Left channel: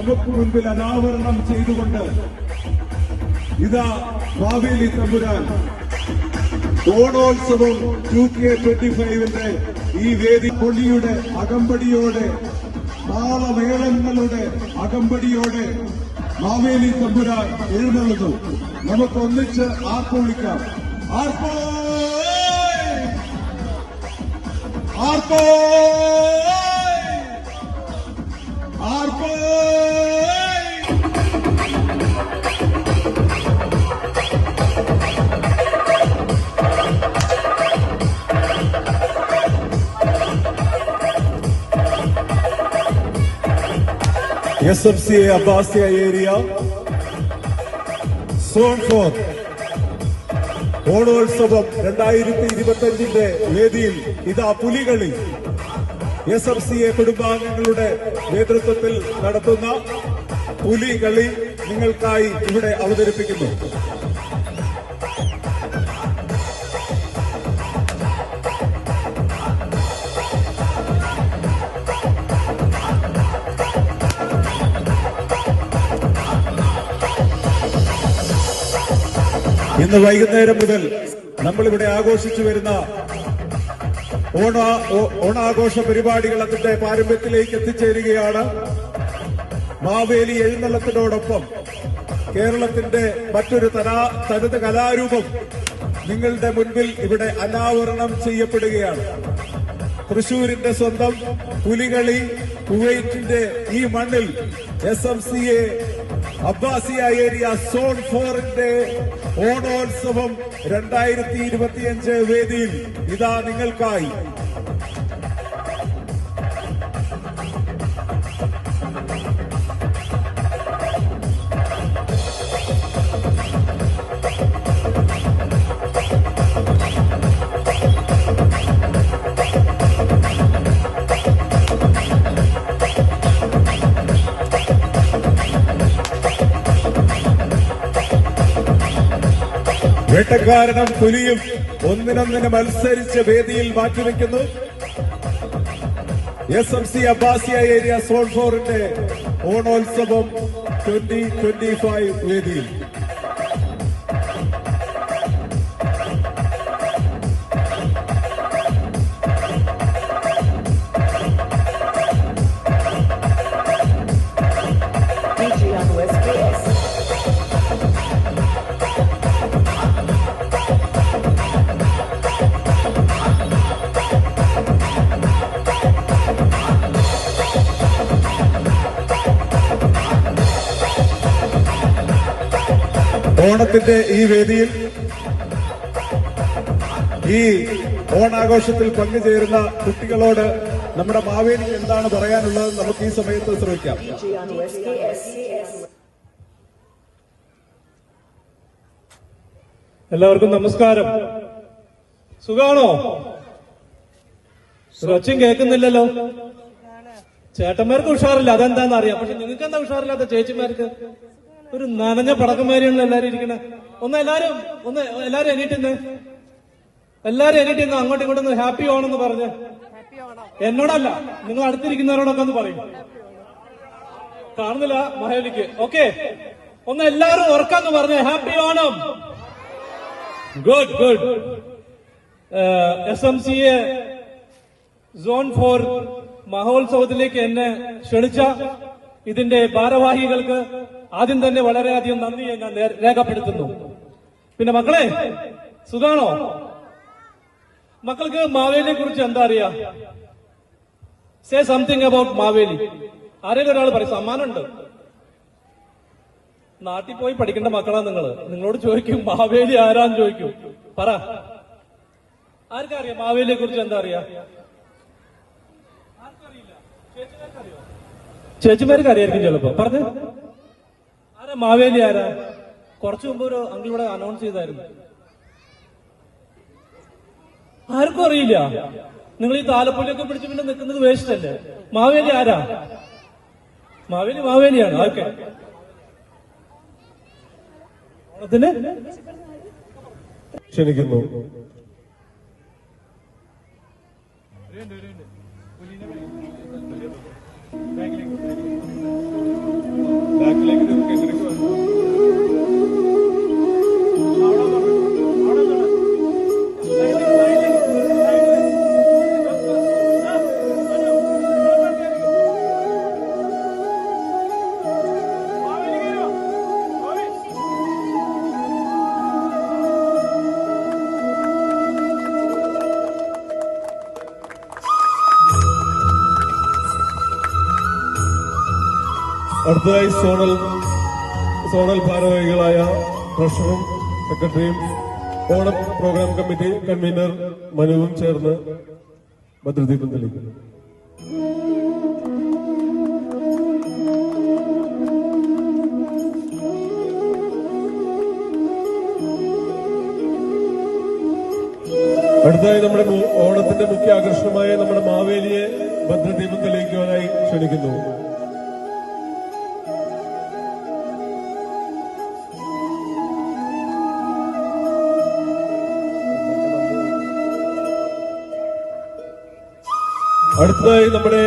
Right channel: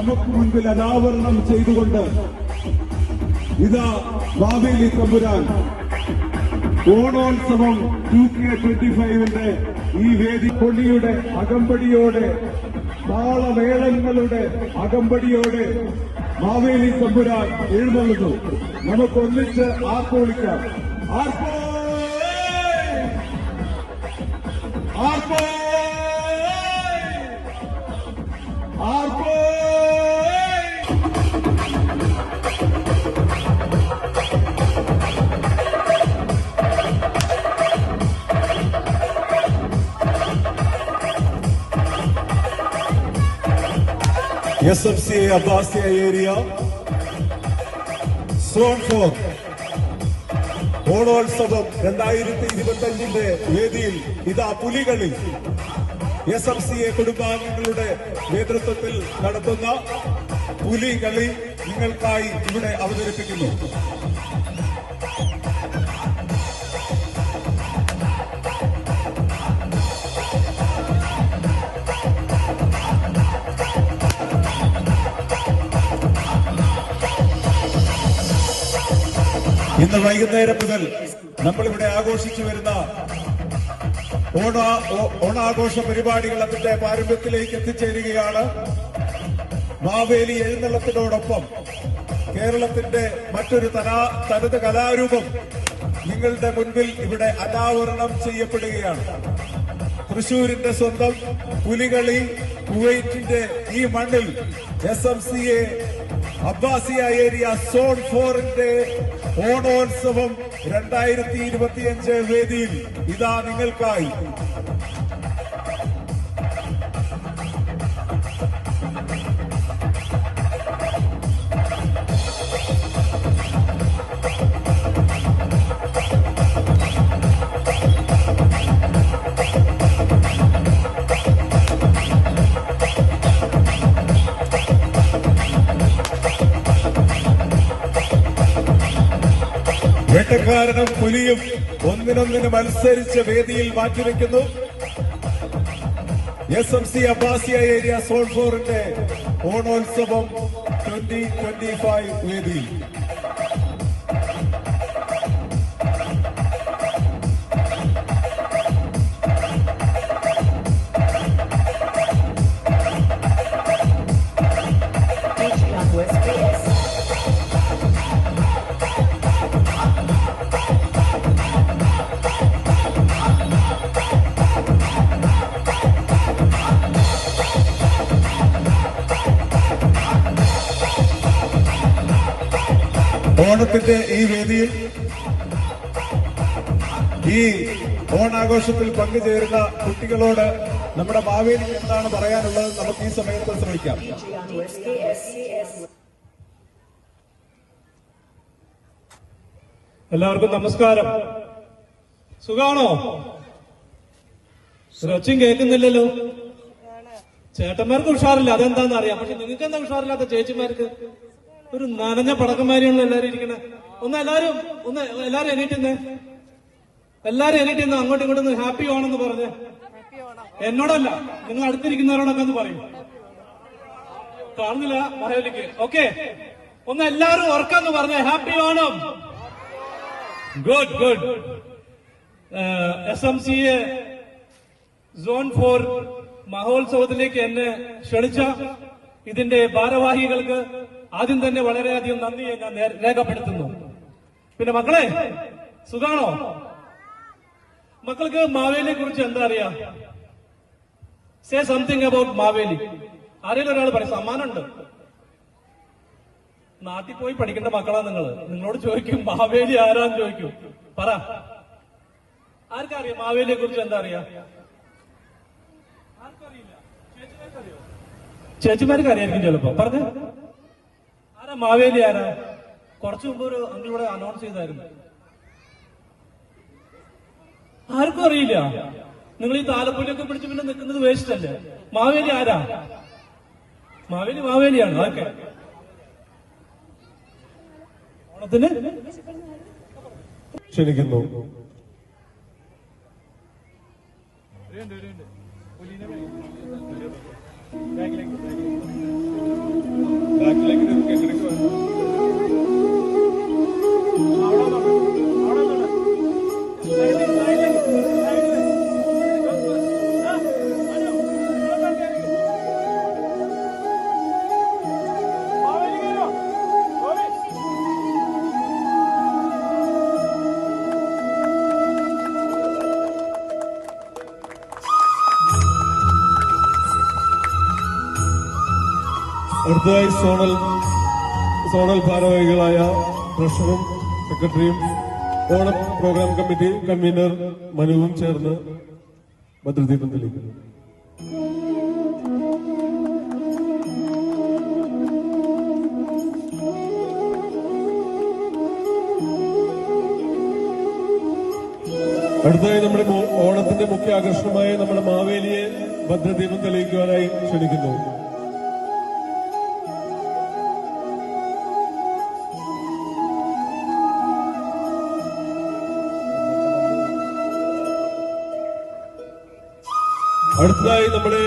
നമുക്ക് മുൻപിൽ അനാവരണം ചെയ്തുകൊണ്ട് ഇതാ മാവേലി തമ്പുരാൻ ഓണോത്സവം 2K25 ഈ വേദി പൊലിയുടെ അകമ്പടിയോടെ താളമേളങ്ങളുടെ അകമ്പടിയോടെ മാവേലി തമ്പുരാൻ എഴുന്നള്ളുന്നു. നമുക്കൊന്നിച്ച് ആർപ്പോളിക്കാം. ആർപ്പോ ആർപ്പോ ആർപ്പോ SFCA Abbasiya area Zone 4 ഓണോത്സവം 2025 വേദിയിൽ ഇതാ പുലികളി SFCA കുടുംബാംഗങ്ങളുടെ നേതൃത്വത്തിൽ നടത്തുന്ന പുലികളി നിങ്ങൾക്കായി ഇവിടെ അവതരിപ്പിക്കുന്നു. ഇന്ന് വൈകുന്നേരം മുതൽ നമ്മളിവിടെ ആഘോഷിച്ചു വരുന്ന ഓണാഘോഷ പരിപാടികൾ അതിന്റെ പാരമ്പര്യത്തിലേക്ക് എത്തിച്ചേരുകയാണ്. മാവേലി എഴുന്നള്ളത്തിനോടൊപ്പം കേരളത്തിന്റെ മറ്റൊരു തനത് കലാരൂപം നിങ്ങളുടെ മുൻപിൽ ഇവിടെ അനാവരണം ചെയ്യപ്പെടുകയാണ്. തൃശൂരിന്റെ സ്വന്തം പുലികളി കുവൈറ്റിന്റെ ഈ മണ്ണിൽ SMCA അബ്ബാസിയ ഏരിയ സോൺ 4 ഓണോത്സവം 2025 വേദിയിൽ ഇതാ നിങ്ങൾക്കായി. വേട്ടക്കാരനും പുലിയും ഒന്നിനൊന്നിന് മത്സരിച്ച് വേദിയിൽ മാറ്റിവെക്കുന്നു. SMCA അബ്ബാസിയ ഏരിയ സോൺ 4 ഓണോത്സവം 2025 വേദിയിൽ. ഓണത്തിന്റെ ഈ വേദിയിൽ ഈ ഓണാഘോഷത്തിൽ പങ്കുചേരുന്ന കുട്ടികളോട് നമ്മുടെ മാവേലിക്ക് എന്താണ് പറയാനുള്ളത് നമുക്ക് ഈ സമയത്ത് ശ്രമിക്കാം. എല്ലാവർക്കും നമസ്കാരം. സുഖാണോ? ഒച്ചയും കേൾക്കുന്നില്ലല്ലോ. ചേട്ടന്മാർക്ക് ഉഷാറില്ല, അതെന്താന്ന് അറിയാം. പക്ഷെ നിങ്ങൾക്ക് എന്താ ഉഷാറില്ലാത്ത? ചേച്ചിമാർക്ക് ഒരു നനഞ്ഞ പടക്കന്മാരെയാണല്ലോ എല്ലാരും ഇരിക്കുന്നത്. എല്ലാരും എണീറ്റിന്ന് അങ്ങോട്ടും ഇങ്ങോട്ടും ഹാപ്പി ഓണെന്ന് പറഞ്ഞ്. എന്നോടല്ല, നിങ്ങൾ അടുത്തിരിക്കുന്നവരോടൊക്കെ ഒന്ന് പറയും. കാണുന്നില്ല മഹേലിക്ക്. ഓക്കെ, എല്ലാരും ഉറക്കാന്ന് പറഞ്ഞ happy Onam. Good. SMCA zone 4 മഹോത്സവത്തിലേക്ക് എന്നെ ക്ഷണിച്ച ഇതിന്റെ ഭാരവാഹികൾക്ക് ആദ്യം തന്നെ വളരെയധികം നന്ദി ഞാൻ രേഖപ്പെടുത്തുന്നു. പിന്നെ മക്കളെ, സുഖാണോ? മക്കൾക്ക് മാവേലിയെ കുറിച്ച് എന്താ അറിയാം? Say something about Maveli. ആരെങ്കിലും ഒരാൾ പറയും. സമ്മാനമുണ്ട്. നാട്ടിൽ പോയി പഠിക്കേണ്ട മക്കളാ നിങ്ങളോട് ചോദിക്കും മാവേലി ആരാന്ന് ചോദിക്കും. പറ, ആർക്കറിയാം മാവേലിയെ കുറിച്ച് എന്താ അറിയാം? ആർക്കറിയില്ല. ചേച്ചിമാർക്ക് അറിയായിരിക്കും ചിലപ്പോ. പറഞ്ഞ ആരാ മാവേലി? ആരാ? കുറച്ചു മുമ്പ് ഒരു അങ്കിളൂടെ അനൗൺസ് ചെയ്തായിരുന്നു. ആർക്കും അറിയില്ല. നിങ്ങൾ ഈ താലപ്പൊലിയൊക്കെ പിടിച്ച് പിന്നെ നിൽക്കുന്നത് വേസ്റ്റ് അല്ലേ? മാവേലി ആരാ? മാവേലിയാണ്. ഓക്കെ, ഓണത്തിന് ക്ഷണിക്കുന്നു. അടുത്തതായി സോണൽ ഭാരവാഹികളായ ട്രഷറും സെക്രട്ടറിയും ഓണം പ്രോഗ്രാം കമ്മിറ്റി കൺവീനർ മനുവും ചേർന്ന് ഭദ്രദീപം തെളിയിക്കുന്നു. അടുത്തതായി നമ്മുടെ ഓണത്തിന്റെ മുഖ്യ ആകർഷണമായ നമ്മുടെ മാവേലിയെ ഭദ്രദീപം തെളിയിക്കുവാനായി ക്ഷണിക്കുന്നു. അടുത്തതായി നമ്മുടെ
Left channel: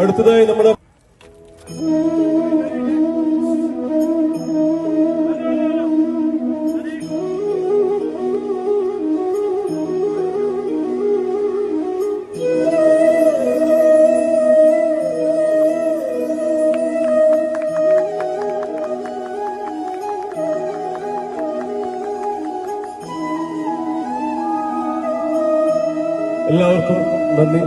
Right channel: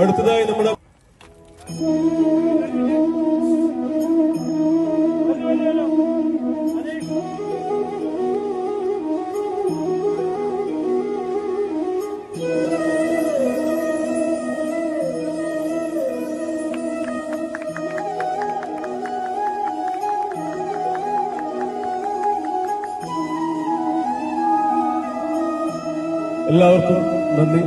അടുത്തതായി നമ്മുടെ എല്ലാവർക്കും നന്ദി.